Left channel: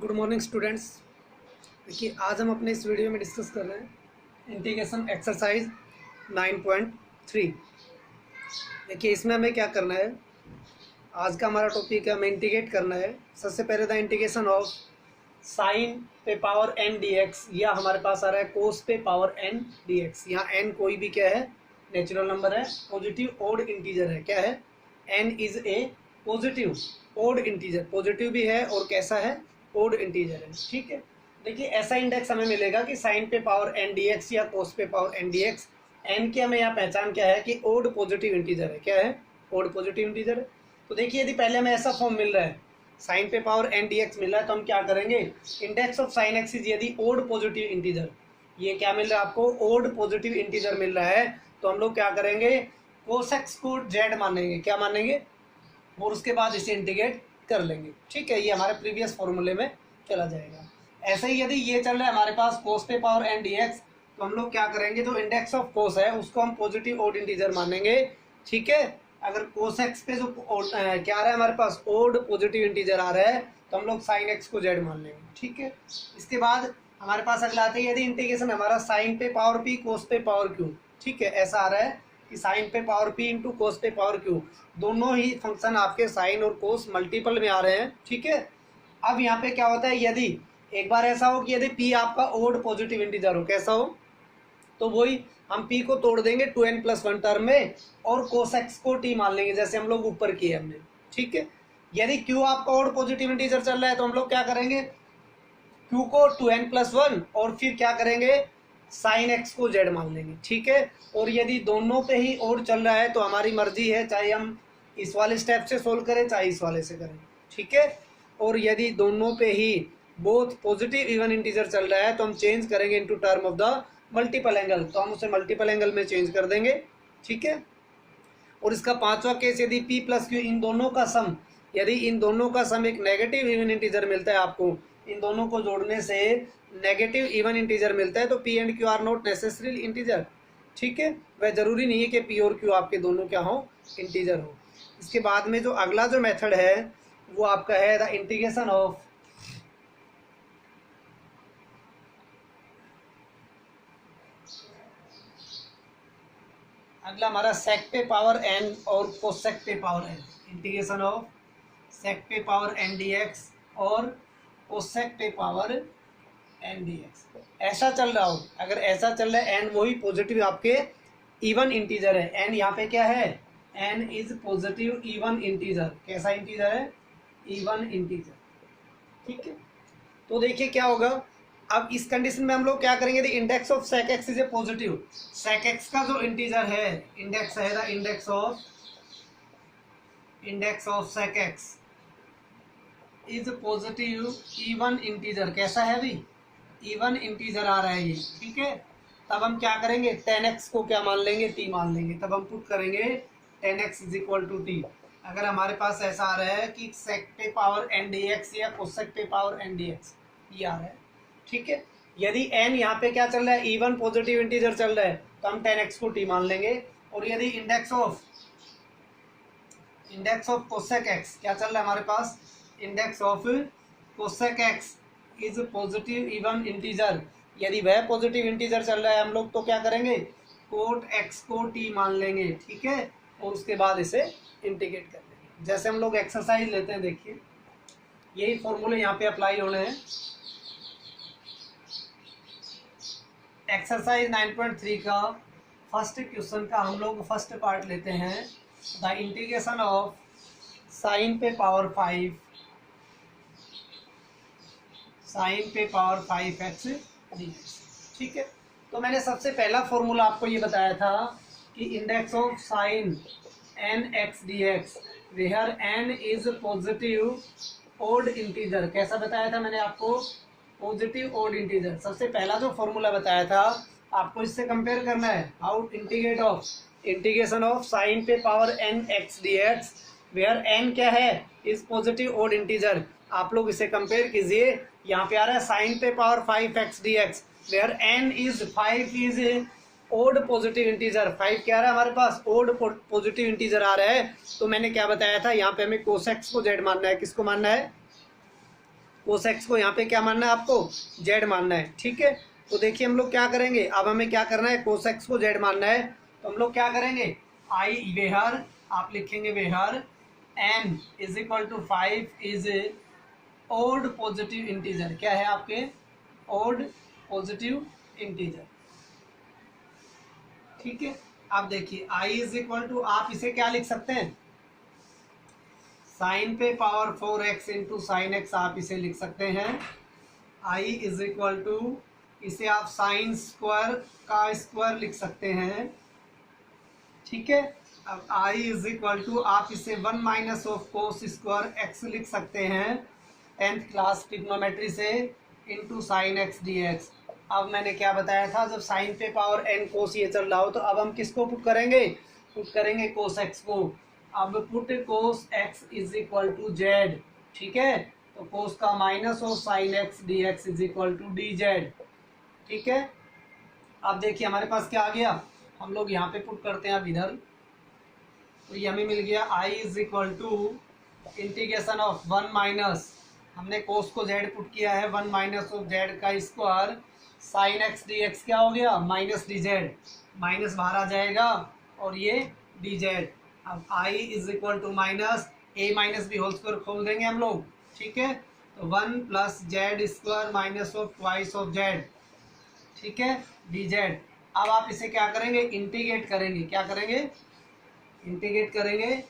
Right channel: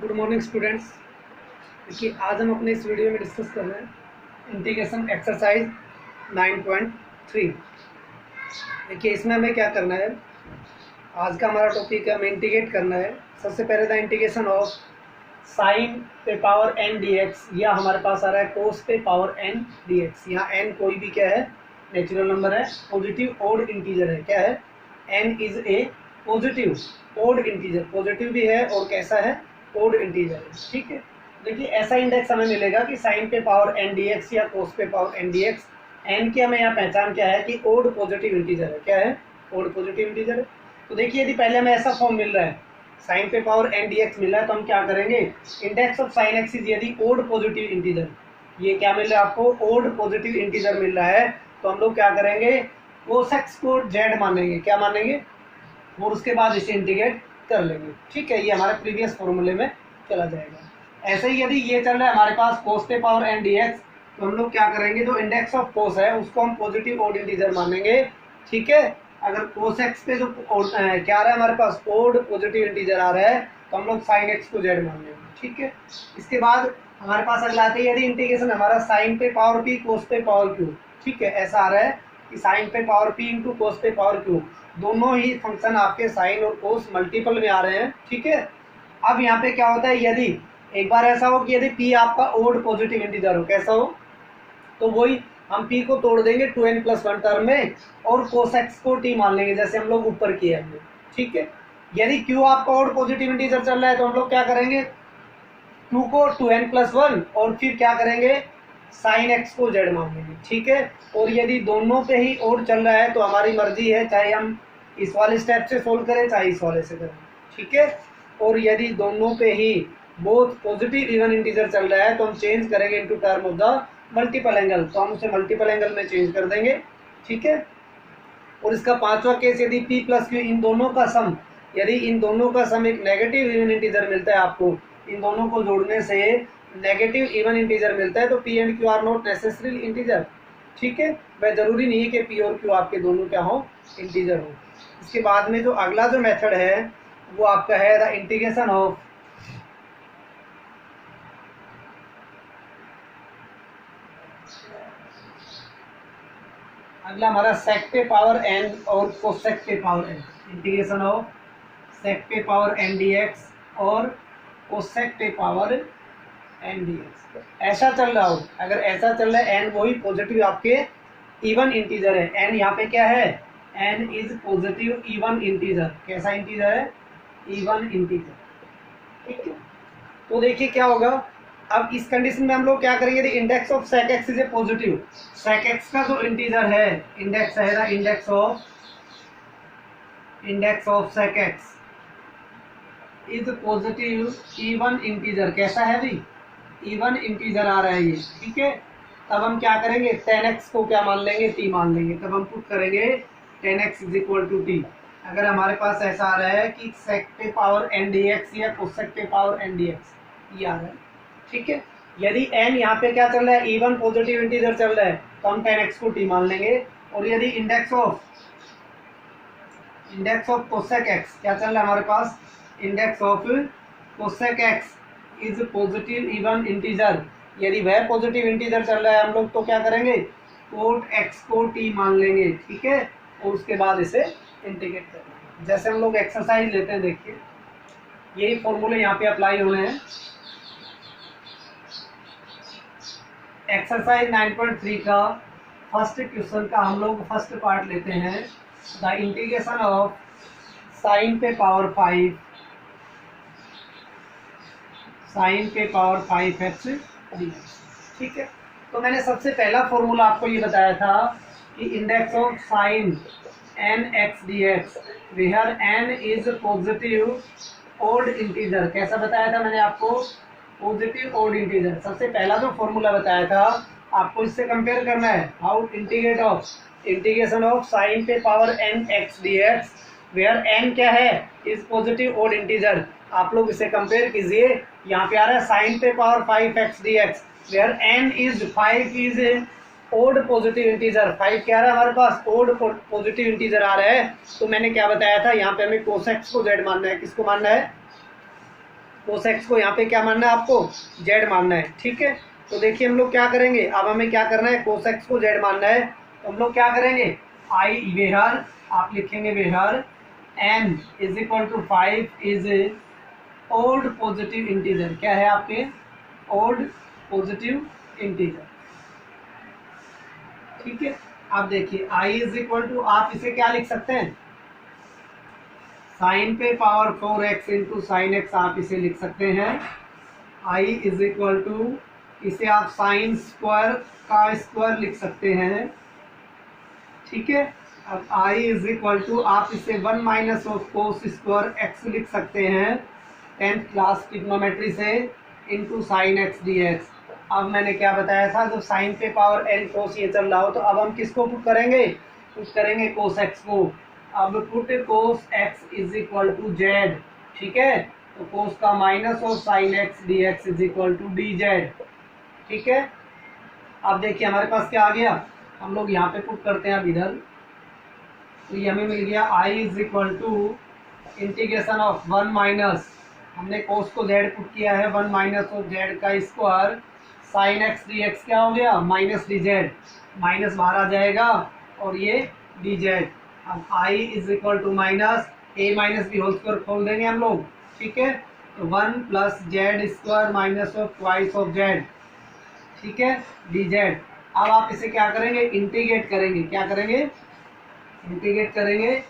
Good morning students. देखिए आज हम अपने इस वीडियो में डिस्कस कर रहे हैं इंटीग्रेशन एक्सरसाइज 9.3। देखिए इसमें हमें क्या करना है, आज का हमारा टॉपिक है हमें इंटीग्रेट करना है। सबसे पहले था इंटीग्रेशन ऑफ साइन पे पावर n dx, या हमारे पास आ रहा है कोस पे पावर n dx। यहाँ n कोई भी क्या है, नेचुरल नंबर है, पॉजिटिव ओड इंटीजर है। क्या है, n is a positive odd integer, positive भी है और कैसा है, ओड इंटीजर है। ठीक है, देखिए ऐसा इंडेक्स हमें मिलेगा कि साइन पे पावर n dx या कोस पे पावर n dx। n की हमें यहाँ पहचान क्या है कि ओड पॉजिटिव इंटीजर है। क्या है, ओड पॉजिटिव इंटीजर है। तो देखिए यदि पहले हमें ऐसा फॉर्म मिल रहा है, साइन पे पावर n dx मिल रहा है, तो हम क्या करेंगे, index of sine x is यदि ओड पॉजिटिव इंटीजर, ये क्या मिल रहा है आपको, ओड पॉजिटिव इंटीजर मिल रहा है, तो हम लोग क्या करेंगे, कोस एक्स को z मानेंगे। क्या मानेंगे, और उसके बाद इसे इंटीग्रेट कर लेंगे। ठीक है, ये हमारे प्रीवियस फॉर्मूले में चला जाएगा। ऐसे ही यदि ये चल रहा है हमारे पास कोस पे पावर n dx, तो हम लोग क्या करेंगे, जो इंडेक्स ऑफ कोस है उसको हम पॉजिटिव ओड इंटीजर मानेंगे। ठीक है, अगर कोस एक्स पे जो क्या आ रहा है हमारे पास, ओड पॉजिटिव इंटीजर आ रहा है, तो हम लोग साइन एक्स को जेड मान लेंगे। ठीक है, इसके बाद हमारे पास अगला आता है यदि इंटीग्रेशन हमारा साइन पे पावर पी कोस पे पावर क्यू। ठीक है, ऐसा आ रहा है कि साइन पे पावर पी इंटू कोस पे पावर क्यू, दोनों ही फंक्शन आपके साइन और कोस मल्टीपल में आ रहे हैं। ठीक है, अब यहाँ पे क्या होता है, यदि एक बार ऐसा हो कि यदि p आपका ओड पॉजिटिव इंटीजर हो, कैसा हो, तो वही हम p को तोड़ देंगे 2n+1 टर्म में और cos x को t मान लेंगे, जैसे हम लोग ऊपर किए हमने। ठीक है, यदि q आपका ओड पॉजिटिव इंटीजर चल रहा है, तो हम लोग क्या करेंगे, q को 2n+1 और फिर क्या करेंगे, साइन x को z मान लेंगे। ठीक है, और यदि दोनों पे ही ओड चल रहा है तो हमारी मर्जी है, चाहे हम इस वाले स्टेप से सोल्व करें चाहे इस वाले से करें। ठीक है, और यदि दोनों पे ही बोथ पॉजिटिव इवन इंटीजर चल रहा है, तो हम चेंज करेंगे into term of the multiple angle, तो हम उसे मल्टीपल एंगल में चेंज कर देंगे। ठीक है, और इसका पांचवा केस, यदि p प्लस क्यू इन दोनों का सम, यदि इन दोनों का सम एक नेगेटिव इवन इंटीजर मिलता है आपको, इन दोनों को जोड़ने से नेगेटिव इवन इंटीजर मिलता है, तो p and q are not necessary integer. ठीक है, वह जरूरी नहीं है कि p और q आपके दोनों क्या हो, इंटीजर हो। इसके बाद में जो अगला जो मेथड है वो आपका है द इंटीग्रेशन ऑफ अगला हमारा सेक पे पावर n और कोसेक पे power n, integration of sec पे पावर n dx और कोसेक पे पावर n dx। ऐसा चल रहा हो, अगर ऐसा चल रहा है n वही पॉजिटिव आपके इवन इंटीजर है, n यहाँ पे क्या है, n is positive even integer. कैसा इंटीजर है, इवन इंटीजर। ठीक है, तो देखिए क्या होगा, अब इस कंडीशन में हम लोग क्या करेंगे, index of sec x is a positive, sec x का जो इंटीजर है, इंडेक्स है ना, index of sec x is positive even integer. कैसा है भी, इवन इंटीजर आ रहा है ये। ठीक है, तब हम क्या करेंगे, 10x को क्या मान लेंगे, t मान लेंगे, तब हम पुट करेंगे 10x is equal to t। अगर हमारे पास ऐसा आ रहा है कि सेक पे पावर n dx या कोसेक पे पावर n dx ये आ रहा है। ठीक है, यदि n यहाँ पे क्या चल रहा है, इवन पॉजिटिव इंटीजर चल रहा है, तो हम 10x को t मान लेंगे। और यदि इंडेक्स ऑफ कोसेक x क्या चल रहा है हमारे पास, index of cosec x is positive even integer, यदि वह पॉजिटिव इंटीजर चल रहा है हम लोग तो क्या करेंगे, कोट x को t मान लेंगे। ठीक है, और उसके बाद इसे इंटीग्रेट कर लेंगे, जैसे हम लोग एक्सरसाइज लेते हैं। देखिए यही फॉर्मूले यहाँ पे अप्लाई होने हैं। एक्सरसाइज 9.3 का फर्स्ट क्वेश्चन का हम लोग फर्स्ट पार्ट लेते हैं, द इंटीग्रेशन ऑफ साइन पे पावर 5x dx। ठीक है, तो मैंने सबसे पहला फॉर्मूला आपको ये बताया था कि index of sine nx dx where n is positive odd integer. कैसा बताया था मैंने आपको, पॉजिटिव ओड इंटीजर। सबसे पहला जो फॉर्मूला बताया था आपको इससे कंपेयर करना है, हाउ इंटीग्रेशन ऑफ साइन पे power nx dx where n क्या है, इज पॉजिटिव ओड इंटीजर। आप लोग इसे कंपेयर कीजिए, यहाँ पे आ रहा है साइन पे power 5x dx where n is 5 is odd positive integer. 5 क्या आ रहा है हमारे पास, ओड पॉजिटिव इंटीजर आ रहा है। तो मैंने क्या बताया था, यहाँ पे हमें कोसेक्स को z मानना है। किसको मानना है, कोस एक्स को यहाँ पे क्या मानना है आपको, जेड मानना है, ठीक है। तो देखिए हम लोग क्या करेंगे, अब हमें क्या करना है, कोस एक्स को जेड मानना है, तो हम लोग क्या करेंगे, आई वेहर आप लिखेंगे where n is equal to 5 is odd positive integer, क्या है आपके ओड पॉजिटिव इंटीजर, ठीक है। अब देखिए आई इज इक्वल टू, आप इसे क्या लिख सकते हैं, साइन पे power 4x into sine x आप इसे लिख सकते हैं। आई इज इक्वल टू, इसे आप साइन स्क्वायर का स्क्वायर लिख सकते हैं, ठीक है। अब आई इज इक्वल टू, आप इसे 1 minus of cos square x लिख सकते हैं 10th क्लास ट्रिग्नोमेट्री से, into sine x D x. अब मैंने क्या बताया था, जब साइन पे पावर एन कोस ये चल रहा हो तो अब हम किसको पुट करेंगे, पुट करेंगे कोस एक्स को। अब put cos x is equal to z, ठीक है। तो कोस का minus of sine x D x is equal to d z, ठीक है। अब देखिए हमारे पास क्या आ गया, हम लोग यहाँ पे पुट करते हैं अब इधर, तो ये हमें मिल गया I is equal to integration of 1 minus, हमने कोस को जेड पुट किया है, 1 माइनस ऑफ जेड का square sine x D X क्या हो गया, माइनस डी जेड, माइनस बाहर आ जाएगा और ये डी जेड। अब I is equal to minus A minus B whole square खोल देंगे हम लोग, ठीक है। तो 1 plus Z square minus of twice of Z, ठीक है, डी जेड। अब आप इसे क्या करेंगे, इंटीग्रेट करेंगे, क्या करेंगे, इंटीग्रेट करेंगे।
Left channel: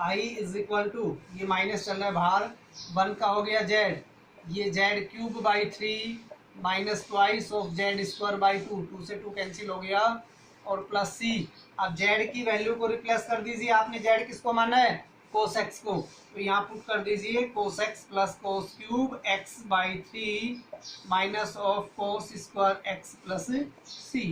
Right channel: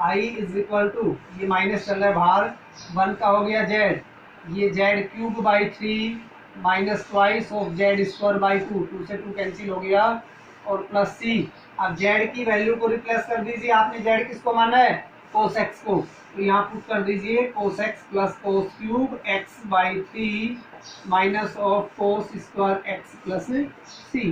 आई इज इक्वल टू, ये माइनस चल रहा है बाहर, 1 का हो गया जेड, ये Z cube by 3 minus twice of Z square by 2, 2 से 2 कैंसिल हो गया, और प्लस सी। अब जेड की वैल्यू को रिप्लेस कर दीजिए, आपने जेड किसको माना है, कोस एक्स को, तो यहाँ पुट कर दीजिए cos X plus cos cube X by 3 minus of cos square X plus C,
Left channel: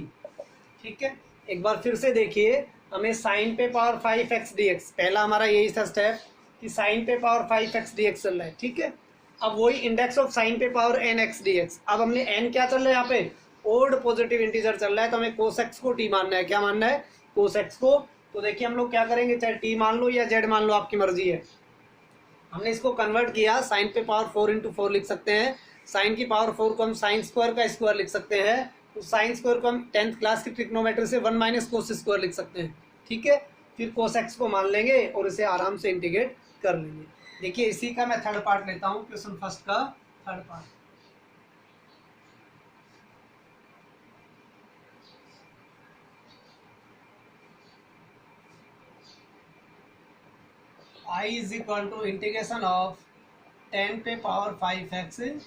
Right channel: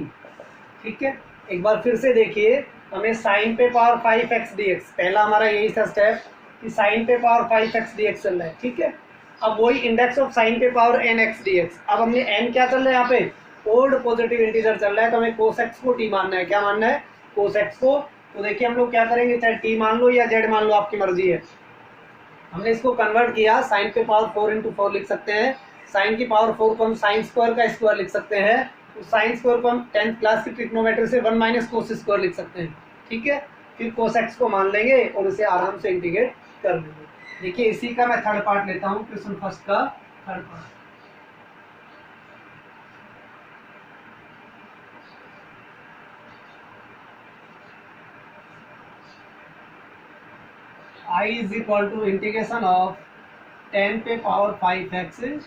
ठीक है। एक बार फिर से देखिए, हमें साइन पे पावर 5x dx, पहला हमारा यही था स्टेप कि साइन पे पावर 5x dx चल रहा है, ठीक है। अब वही इंडेक्स ऑफ साइन पे पावर nx dx, अब हमने n क्या चल रहा है यहाँ पे, ओल्ड पॉजिटिव इंटीजर चल रहा है, तो हमें कोस एक्स को t मानना है, क्या मानना है, कोस एक्स को। तो देखिए हम लोग क्या करेंगे, चाहे t मान लो या z मान लो, आपकी मर्जी है। हमने इसको कन्वर्ट किया, साइन पे पावर 4 इंटू 4 लिख सकते हैं, साइन की पावर 4 को हम साइन स्क्वायर का स्क्वायर लिख सकते हैं, तो साइन स्क्वायर को हम 10th क्लास की ट्रिग्नोमेट्री से 1 माइनस कोस स्क्वायर लिख सकते हैं, ठीक है। फिर कोस एक्स को मान लेंगे और इसे आराम से इंटीग्रेट कर लेंगे। देखिए इसी का मैं थर्ड पार्ट लेता हूँ, क्वेश्चन फर्स्ट का third part. I is equal to integration of 10 पे पावर 5x dx।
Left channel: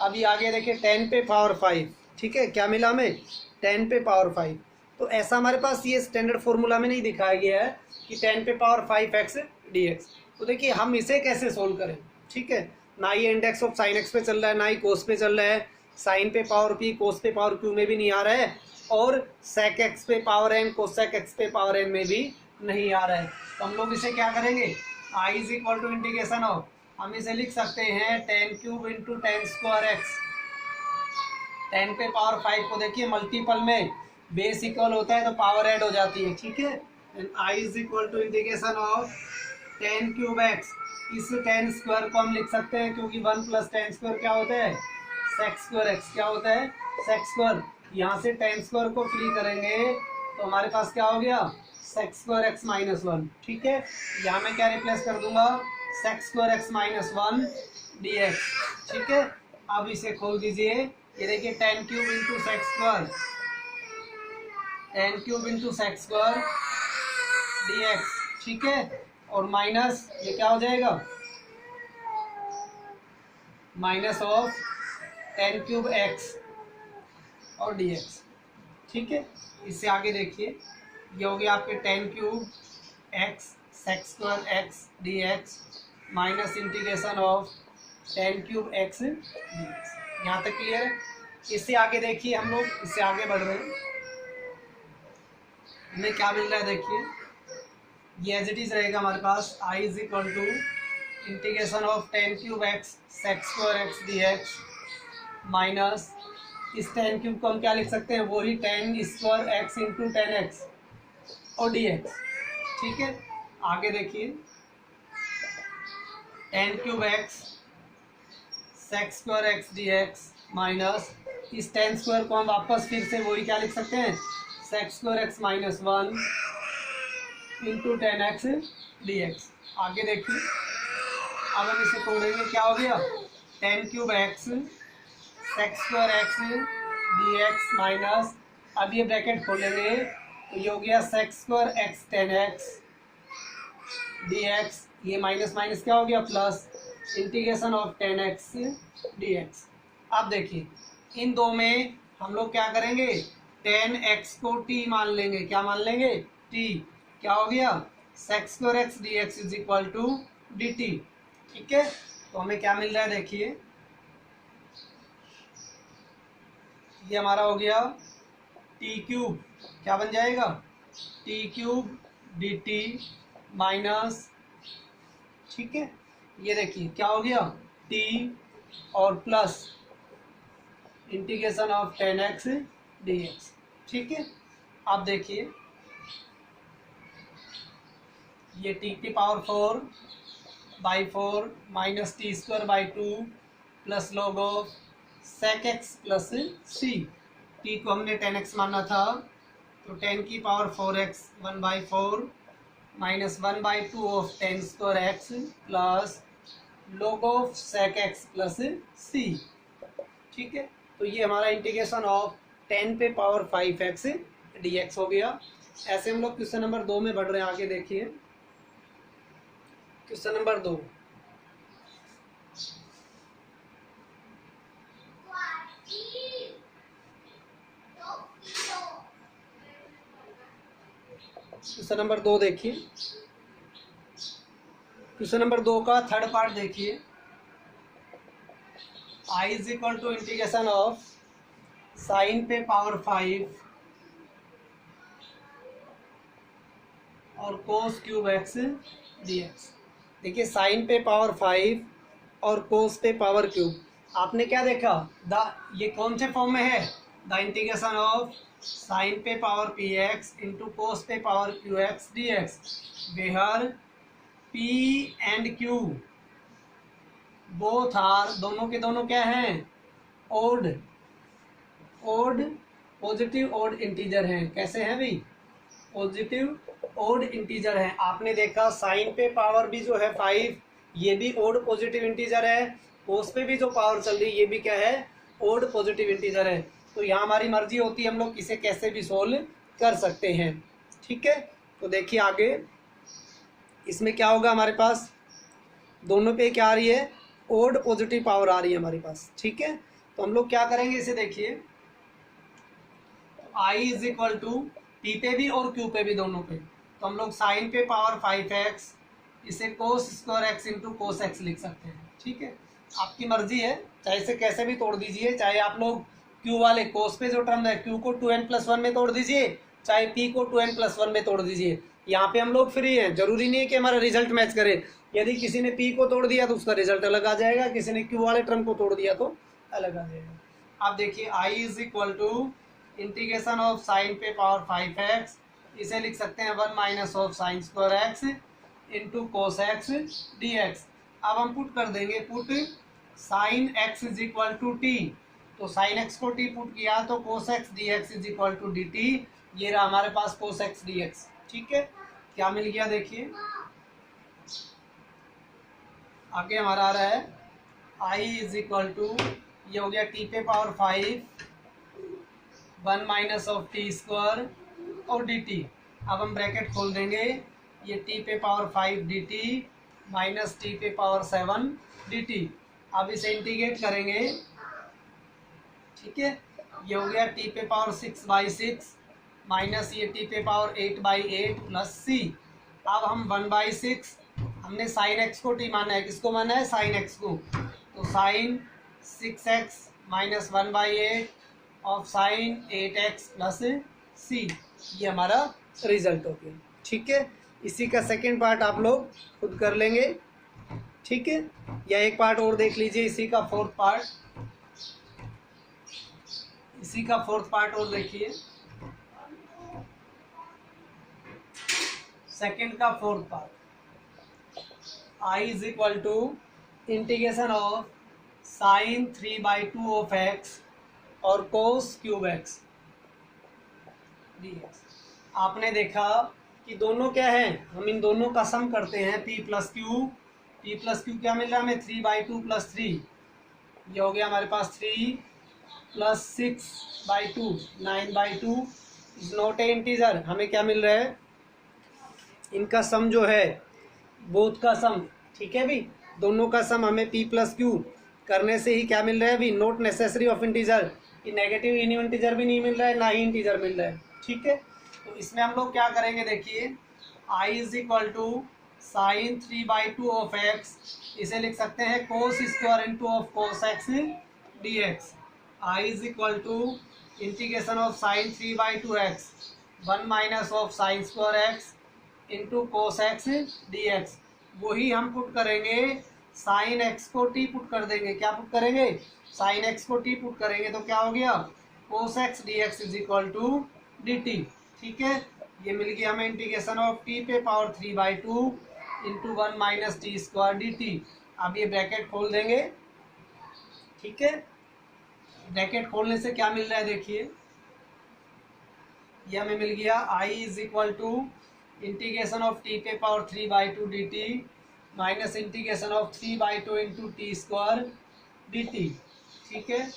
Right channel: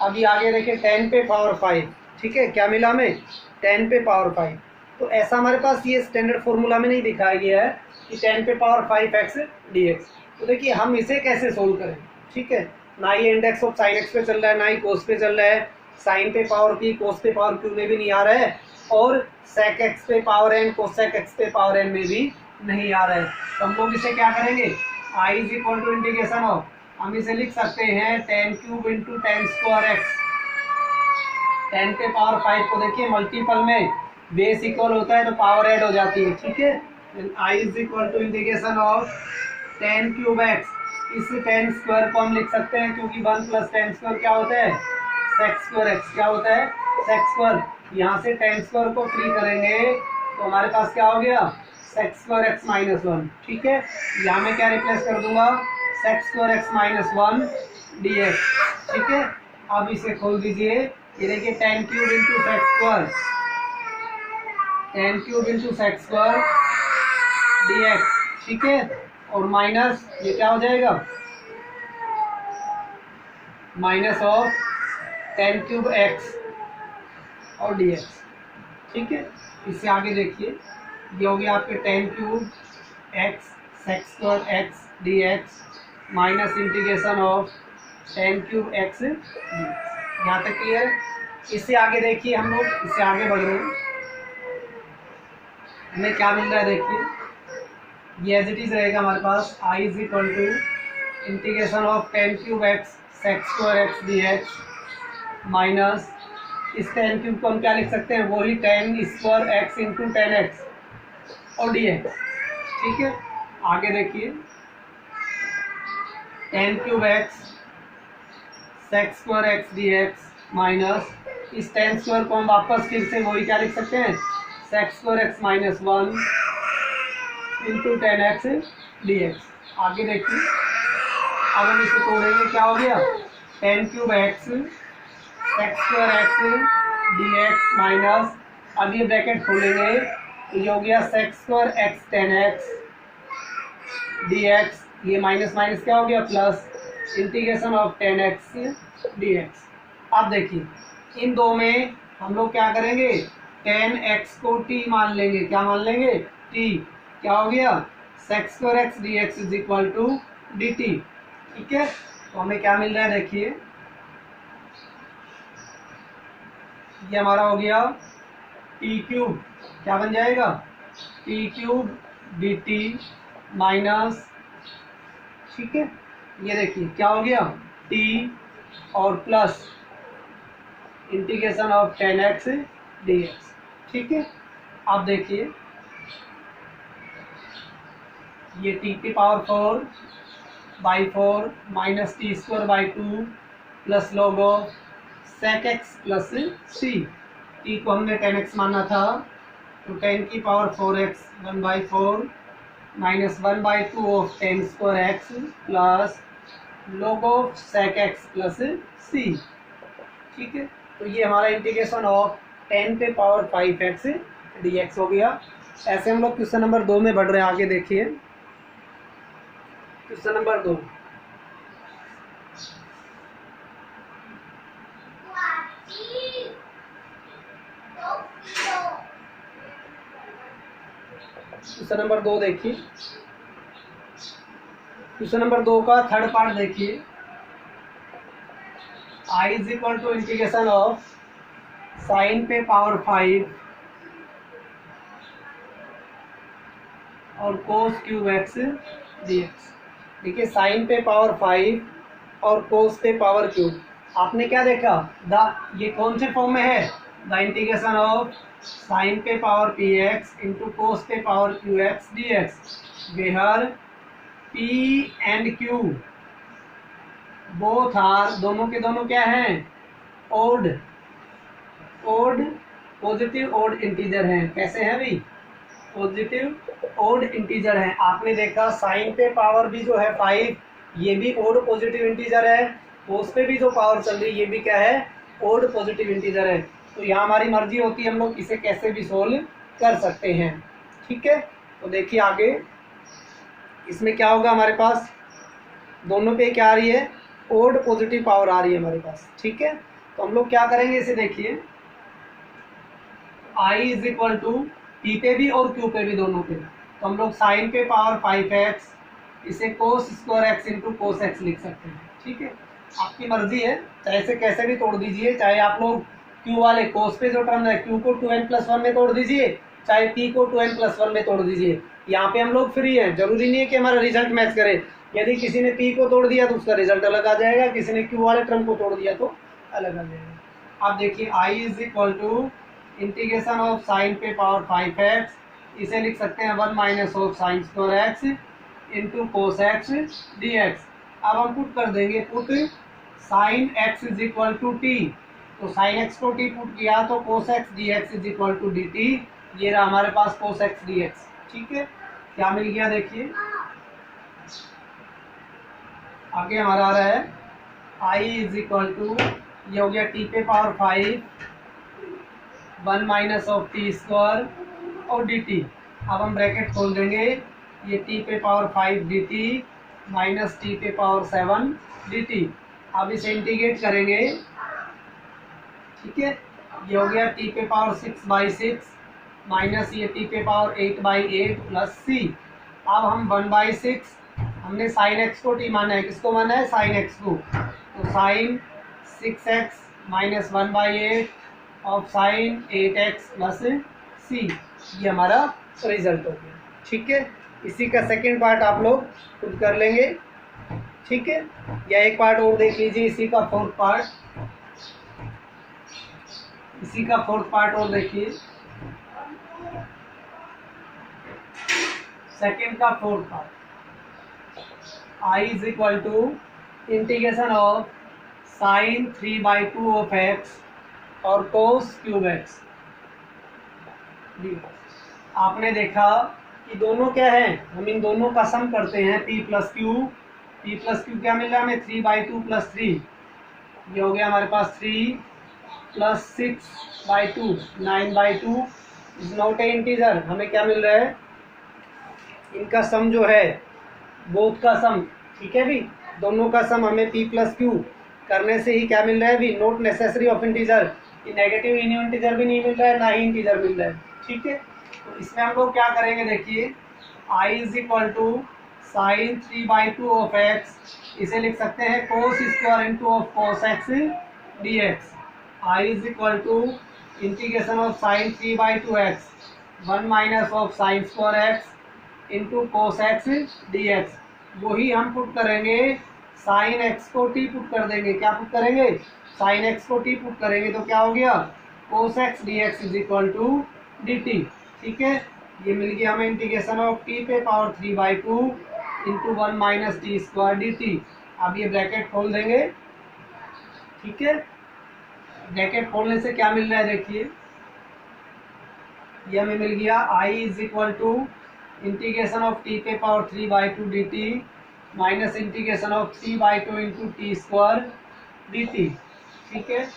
अभी आगे देखिए 10 पे पावर 5, ठीक है, क्या मिला हमें, 10 पे पावर 5। तो ऐसा हमारे पास ये स्टैंडर्ड फॉर्मूला में नहीं दिखाया गया है कि 10 पे पावर 5x dx। तो देखिए हम इसे कैसे सोल्व करें, ठीक है। ना ये इंडेक्स ऑफ साइन एक्स पे चल रहा है, ना ही कोस पे चल रहा है, साइन पे पावर p कोस पे पावर q में भी नहीं आ रहा है, और सेक एक्स पे पावर n कोसेक एक्स पे पावर n में भी नहीं आ रहा है। तो हम लोग इसे क्या करेंगे, I is equal to integration of, हम इसे लिख सकते हैं 10 क्यूब इंटू 10 स्क्वायर एक्स। 10 पे पावर 5 को देखिए मल्टीपल में बेस इक्वल होता है तो पावर ऐड हो जाती है, ठीक है। I is equal to integration of 10 cube X, इस 10 स्क्वायर को हम लिख सकते हैं क्योंकि 1 प्लस 10 स्क्वायर क्या होता है, सेक स्क्वायर एक्स, क्या होता है, सेक स्क्वायर। यहाँ से 10 स्क्वायर को फ्री करेंगे तो हमारे पास क्या हो गया, सेक स्क्वायर एक्स माइनस 1, ठीक है। यहाँ में क्या रिप्लेस कर दूंगा, sec square x minus 1 d x, ठीक है। अब इसे खोल दीजिए, ये देखिए 10 cube into sec square, 10 cube into sec square d x, ठीक है, और माइनस ये क्या हो जाएगा, माइनस ऑफ 10 क्यूब एक्स और डी एक्स, ठीक है। इससे आगे देखिए ये हो गया आपके 10 cube x sec square x D x minus integration of 10 cube x D x. यहाँ तक क्लियर। इससे आगे देखिए हम लोग इससे आगे बढ़ रहे हैं, हमें क्या मिल रहा है देखिए, ये एज इट इज रहेगा हमारे पास, I is equal to integration of 10 cube x sec square x D x minus इस 10 क्यूब को हम क्या लिख सकते हैं, वही 10 स्क्वायर एक्स इंटू 10 एक्स और डी एक्स, ठीक है। आगे देखिए 10 cube x sex square x D x minus इस टेन स्क्वायर को हम वापस फिर से वही क्या लिख सकते हैं, sex square x minus 1 into 10x dx। आगे देखिए, अब हम इसे तोड़ेंगे, क्या हो गया 10 cube x sex square x D x minus, अब ये ब्रैकेट खोलेंगे तो ये हो गया sec square x 10x dx, ये माइनस माइनस क्या हो गया plus, integration of 10x dx। अब देखिए इन दो में हम लोग क्या करेंगे, 10x को t मान लेंगे, क्या मान लेंगे t, क्या हो गया sec square x D x is equal to d T. ठीक है, तो हमें क्या मिल रहा है देखिए, ये हमारा हो गया टी क्यूब, क्या बन जाएगा T cube D T minus, ठीक है ये देखिए क्या हो गया टी और plus integration of 10x dx। ठीक है, अब देखिए ये टी की power 4/4 minus T square by 2 plus log of sec X plus C, T को हमने 10x माना था तो 10 की power 4x 1/4 minus 1/2 of 10 square X plus log of sec X plus C. ठीक है, तो ये हमारा इंटीग्रेशन ऑफ 10 पे पावर 5x dx हो गया। ऐसे हम लोग क्वेश्चन नंबर 2 में बढ़ रहे हैं, आगे देखिए क्वेश्चन नंबर 2। क्वेश्चन नंबर 2 देखिए, क्वेश्चन नंबर 2 का थर्ड पार्ट देखिए, I is equal to integration of sine पे पावर 5 और कोस क्यूब एक्स dx। देखिए साइन पे पावर 5 और कोस पे पावर क्यूब, आपने क्या देखा ये कौन से फॉर्म में है, द इंटीग्रेशन ऑफ साइन पे power P X into cos पे power Q X D X, where P and Q both are, दोनों के दोनों क्या हैं ओड पॉजिटिव ओड इंटीजर हैं। कैसे हैं भाई, पॉजिटिव ओड इंटीजर हैं। आपने देखा साइन पे पावर भी जो है 5 ये भी ओड पॉजिटिव इंटीजर है, कोस पे भी जो पावर चल रही है ये भी क्या है ओड पॉजिटिव इंटीजर है। तो यहाँ हमारी मर्जी होती है हम लोग इसे कैसे भी सोल्व कर सकते हैं। ठीक है, तो देखिए आगे इसमें क्या होगा, हमारे पास दोनों पे क्या आ रही है ओड पॉजिटिव पावर आ रही है हमारे पास। ठीक है, तो हम लोग क्या करेंगे इसे देखिए, I is equal to t पे भी और क्यू पे भी दोनों पे, तो हम लोग साइन पे पावर 5x इसे कोस square x into cos x लिख सकते हैं। ठीक है, आपकी मर्जी है, चाहे इसे कैसे भी तोड़ दीजिए, चाहे आप लोग क्यू वाले कोस पे जो टर्म है क्यू को 2n+1 में तोड़ दीजिए, चाहे p को 2n+1 में तोड़ दीजिए। यहाँ पे हम लोग फ्री हैं, जरूरी नहीं है कि हमारा रिजल्ट मैच करे। यदि किसी ने p को तोड़ दिया तो उसका रिजल्ट अलग आ जाएगा, किसी ने q वाले टर्म को तोड़ दिया तो अलग आ जाएगा। अब देखिए I is equal to integration of sine पे पावर 5x, इसे लिख सकते हैं 1 minus of sine square x into cos x D x. अब हम पुट कर देंगे, put sine x is equal to t, तो साइन एक्स को टी पुट किया तो cos x D x is equal to d t, ये रहा हमारे पास कोस एक्स डी एक्स। ठीक है, क्या मिल गया देखिए, आगे हमारा आ रहा है I इज इक्वल टू, ये हो गया टी पे power 5 1 minus of t square और डी टी। अब हम ब्रैकेट खोल देंगे, ये टी पे power 5 D T minus T पे पावर 7 डी टी। अब इसे इंटीग्रेट करेंगे, ठीक है, ये हो गया टी पे पावर 6/6 माइनस ये टी पे पावर 8/8 प्लस सी। अब हम 1/6, हमने साइन एक्स को टी माना है, किसको माना है साइन एक्स को, तो sine 6x minus 1/8 of sine 8x plus C, ये हमारा रिजल्ट हो गया। ठीक है, इसी का सेकेंड पार्ट आप लोग खुद कर लेंगे। ठीक है, या एक पार्ट और देख लीजिए, इसी का फोर्थ पार्ट और देखिए, सेकेंड का fourth part I is equal to integration of sine 3/2 of x और कोस क्यूब एक्स डी। आपने देखा कि दोनों क्या है, हम इन दोनों का सम करते हैं p प्लस क्यू क्या मिल रहा है हमें 3/2 + 3, ये हो गया हमारे पास 3 + 6/2 9/2 इज नॉट ए इंटीजर। हमें क्या मिल रहा है, इनका सम जो है बोथ का सम, ठीक है भी, दोनों का सम हमें p प्लस क्यू करने से ही क्या मिल रहा है भी, not necessary of integer, negative integer भी नहीं मिल रहा है ना ही इंटीजर मिल रहा है, ठीक है। तो इसमें हम लोग क्या करेंगे, देखिए I is equal to sine 3/2 of x, इसे लिख सकते हैं cos square into of cos x D x. I is equal to integration of sine 3/2 x 1 minus of sine square x into cos x D x. वही हम put करेंगे, sine x को t put कर देंगे, क्या put करेंगे, sine x को t put करेंगे तो क्या हो गया, cos x D x is equal to d T, ठीक है। ये मिल गया हमें इंटीग्रेशन ऑफ टी पे power 3/2 into 1 minus T square D t. अब ये ब्रैकेट खोल देंगे, ठीक है। ब्रैकेट खोलने से क्या मिल रहा है, देखिए ये हमें मिल गया I is equal to integration of T पे power 3/2 D T minus integration of 3/2 into T square D T, ठीक है।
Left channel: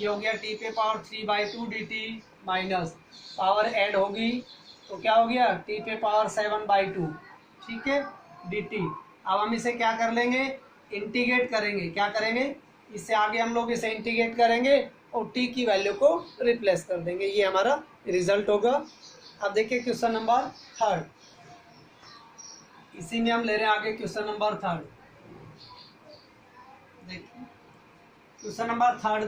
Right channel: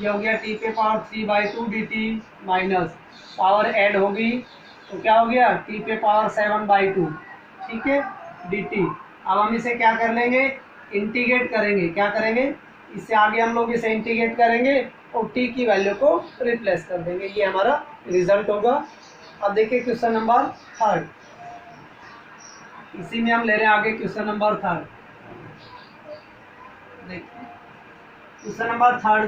ये हो गया टी पे power 3/2 D T minus power add होगी तो क्या हो गया टी पे पावर 7/2, ठीक है, डी टी। अब हम इसे क्या कर लेंगे, इंटीग्रेट करेंगे, क्या करेंगे, इससे आगे हम लोग इसे इंटीग्रेट करेंगे और टी की वैल्यू को रिप्लेस कर देंगे, ये हमारा रिजल्ट होगा। अब देखिए क्वेश्चन नंबर 3, इसी में हम ले रहे हैं आगे क्वेश्चन नंबर 3। देखिए क्वेश्चन नंबर 3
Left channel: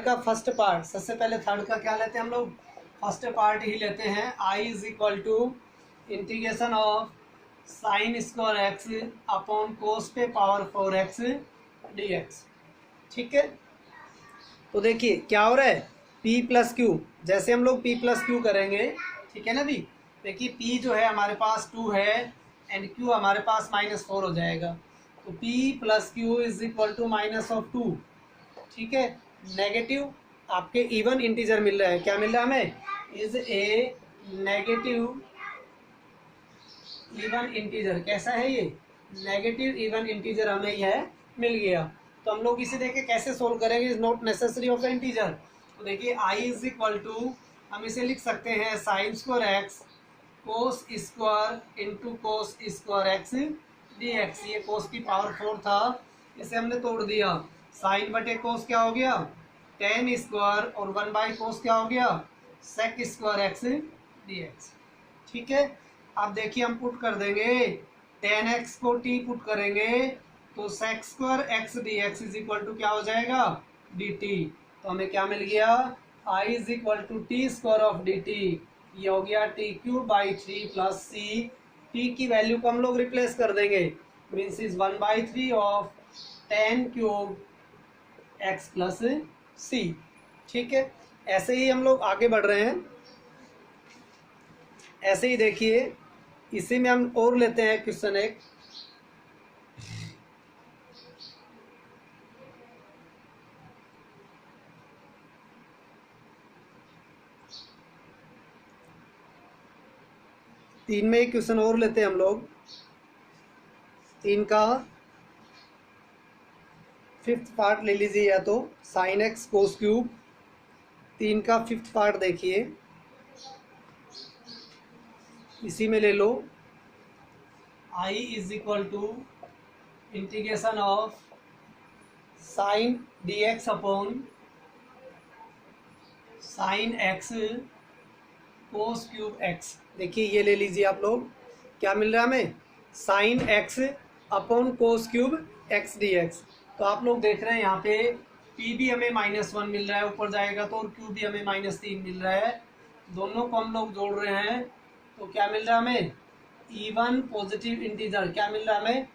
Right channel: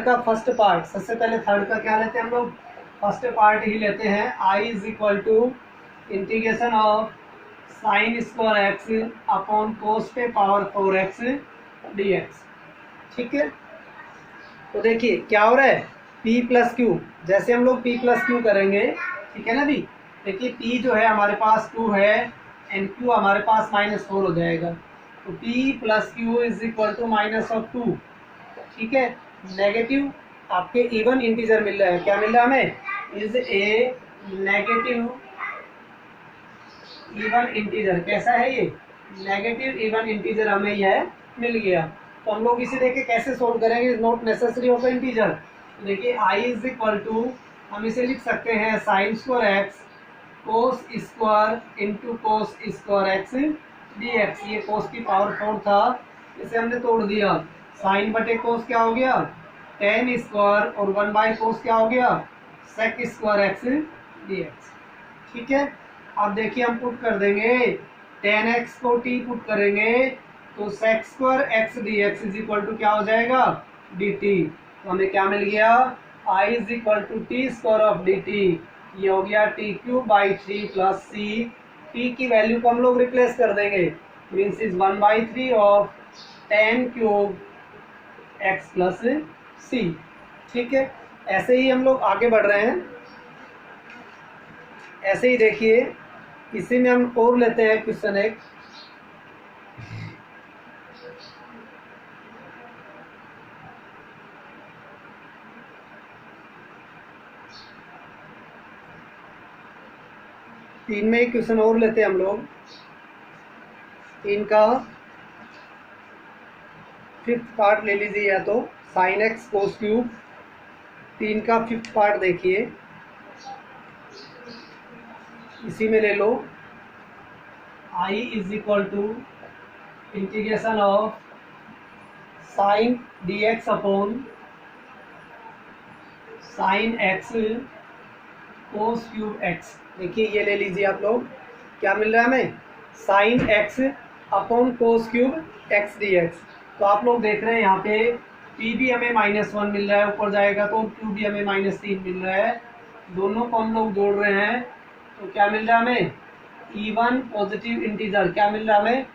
का फर्स्ट पार्ट, सबसे पहले 3 का क्या लेते हैं हम लोग, फर्स्ट पार्ट ही लेते हैं। I is equal to integration of sine square x upon cos पे पावर 4x डी एक्स, ठीक है। तो देखिए क्या हो रहा है, p प्लस क्यू, जैसे हम लोग p प्लस क्यू करेंगे, ठीक है ना भी। देखिए p जो है हमारे पास 2 है एंड q हमारे पास -4 हो जाएगा, तो p plus q is equal to -2, ठीक है। नेगेटिव आपके इवन इंटीजर मिल रहा है, क्या मिल रहा है हमें, is a negative even integer. कैसा है ये, नेगेटिव इवन इंटीजर हमें यह मिल गया। तो हम लोग इसे देखे कैसे सोल्व करेंगे, is not necessary of integer. देखिए I इज इक्वल टू, हम इसे लिख सकते हैं साइन स्क्वायर एक्स कोस square into cos square x D x. ये कोस की पावर 4 था, इसे हमने तोड़ दिया, साइन बटे कोस क्या हो गया tan स्क्वायर और 1/कोस क्या हो गया sec square x D x, ठीक है। अब देखिए हम पुट कर देंगे, tan x को t पुट करेंगे तो sec square x D x is equal to क्या हो जाएगा डी टी। तो हमें क्या मिल गया, I is equal to t square of d t, ये हो गया t³/3 प्लस c। t की वैल्यू को हम लोग रिप्लेस कर देंगे, means is 1/3 of tan³ x plus c, ठीक है। ऐसे ही हम लोग आगे बढ़ रहे हैं, ऐसे ही देखिए इसी में हम और लेते हैं क्वेश्चन 1। तीन में एक क्वेश्चन और लेते हैं हम लोग, 3 का 5th पार्ट ले लीजिए, या तो साइन एक्स कोस क्यूब, 3 का 5th पार्ट देखिए, इसी में ले लो। I is equal to integration of sine d x upon sine x cos cube x. देखिए ये ले लीजिए आप लोग, क्या मिल रहा है हमें, साइन एक्स अपॉन कोस क्यूब एक्स डी एक्स। तो आप लोग देख रहे हैं यहाँ पे p भी हमें -1 मिल रहा है, ऊपर जाएगा तो q भी हमें -3 मिल रहा है, दोनों को हम लोग जोड़ रहे हैं तो क्या मिल रहा है हमें, इवन पॉजिटिव इंटीजर। क्या मिल रहा है हमें,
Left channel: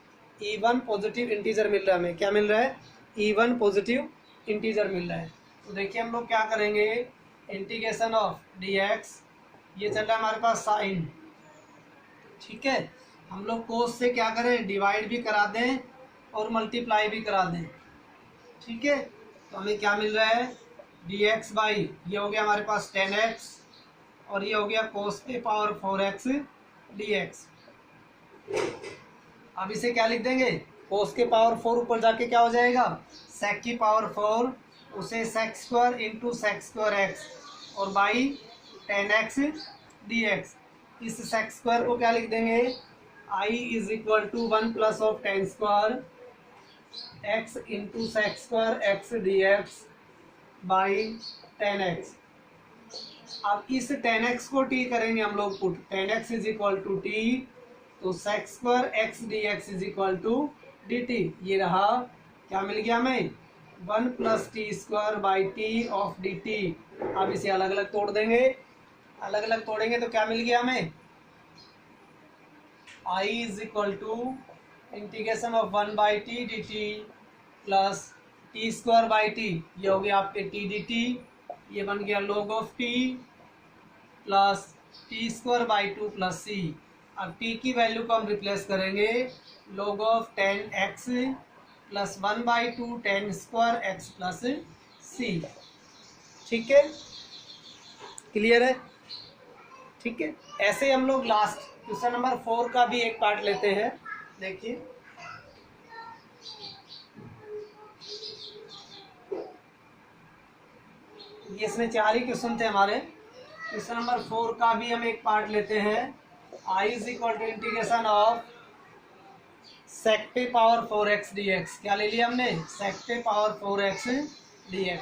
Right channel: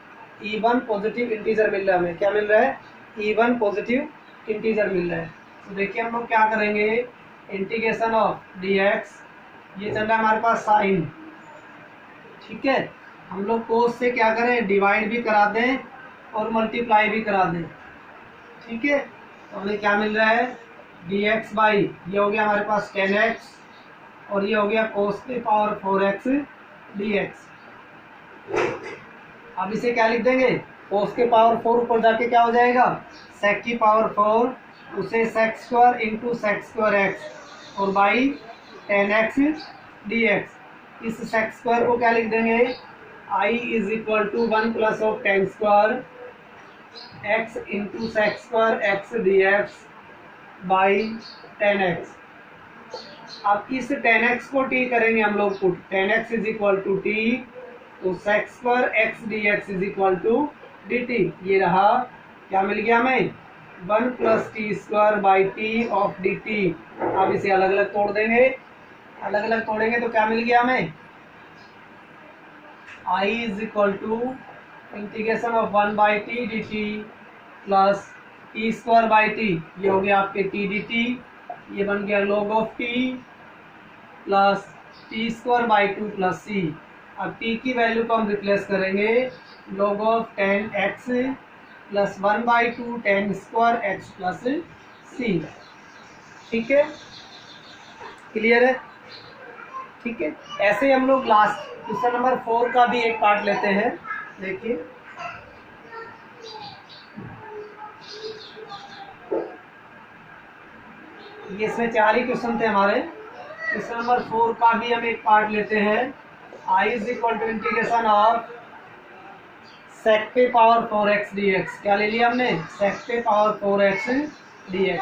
इवन पॉजिटिव इंटीजर मिल रहा है हमें, क्या मिल रहा है, इवन पॉजिटिव इंटीजर मिल रहा है। तो देखिए हम लोग क्या करेंगे, इंटीग्रेशन ऑफ डी एक्स, ये चल रहा है हमारे पास साइन, ठीक है। हम लोग कोस से क्या करें, डिवाइड भी करा दें और मल्टीप्लाई भी करा दें, ठीक है। तो हमें क्या मिल रहा है, dx बाई ये हो गया हमारे पास 10x और ये हो गया cos के पावर 4x dx। अब इसे क्या लिख देंगे, cos के पावर 4 ऊपर जाके क्या हो जाएगा, sec की पावर 4 उसे sec square into sec square x और बाई 10x dx। इस sec स्क्वायर को क्या लिख देंगे, I is equal to 1 plus of 10 square x into sec square x dx by 10x। अब इस 10x को t करेंगे हम लोग put, 10x is equal to t, तो sec square x dx is equal to dt। ये रहा, क्या मिल गया हमें, 1 plus T square by T of dt। अब इसे अलग अलग तोड़ देंगे, अलग अलग तोड़ेंगे तो क्या मिल गया हमें, I is equal to integration of 1 by t d t plus T square by t, ये हो गया आपके टी डी टी, ये बन गया log of T plus T square by 2 plus C. अब टी की वैल्यू को हम रिप्लेस करेंगे, log of 10x plus 1 by 2 10 square x plus C. ठीक है, क्लियर है, ठीक है। ऐसे हम लोग लास्ट क्वेश्चन नंबर 4 का भी एक पार्ट लेते हैं, देखिए। ये इसमें 4 ही क्वेश्चन थे हमारे। क्वेश्चन नंबर 4 का भी हम एक पार्ट लेते हैं, I is equal to integration of sec पे पावर 4x dx। क्या ले लिया हमने, sec पे पावर 4x dx।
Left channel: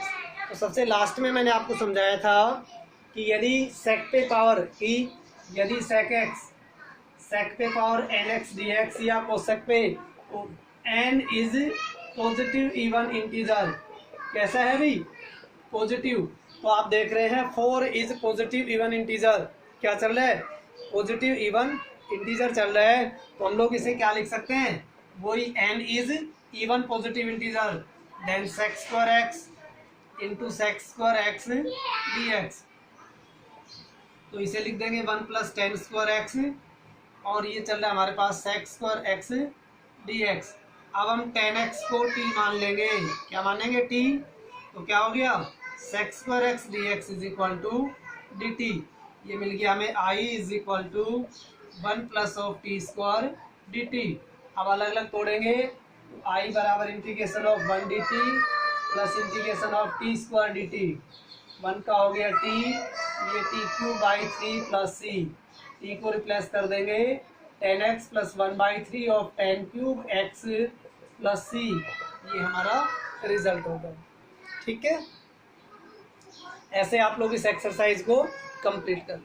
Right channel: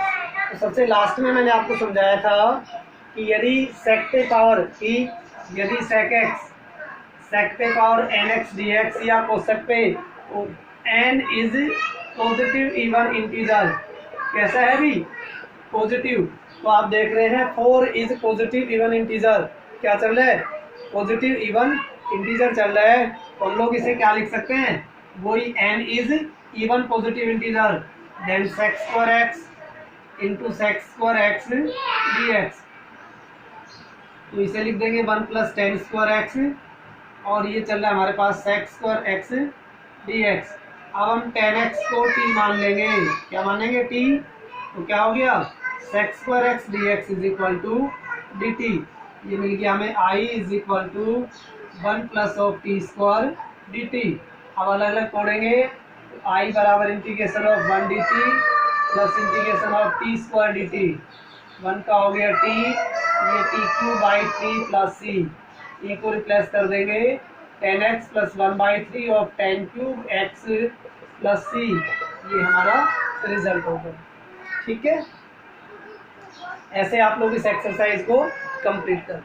तो सबसे लास्ट में मैंने आपको समझाया था कि यदि sec पे पावर की, यदि sec x sec पे पावर nx dx या cosec पे n is positive even integer, कैसा है भी, पॉजिटिव। तो आप देख रहे हैं 4 इज पॉजिटिव इवन इंटीजर, क्या चल रहा है, पॉजिटिव इवन इंटीजर चल रहा है। तो हम लोग इसे क्या लिख सकते हैं, वही n is even positive integer, then sec square x into sec square x dx। तो इसे लिख देंगे 1 प्लस 10 स्क्वायर x और ये चल रहा है हमारे पास sec स्क्वायर x dx। अब हम 10x को t मान लेंगे, क्या मानेंगे, t। तो क्या हो गया, sec square x dx is equal to dt। ये मिल गया हमें I is equal to 1 plus of t square dt। अब अलग अलग तोड़ेंगे, तो I बराबर integration of 1 dt plus integration of t square dt। 1 का हो गया t, ये t cube by 3 plus C, T को रिप्लेस कर देंगे 10x plus 1 by 3 of 10 cube x plus C, ये हमारा रिजल्ट होगा। ठीक है, ऐसे आप लोग इस एक्सरसाइज को कंप्लीट कर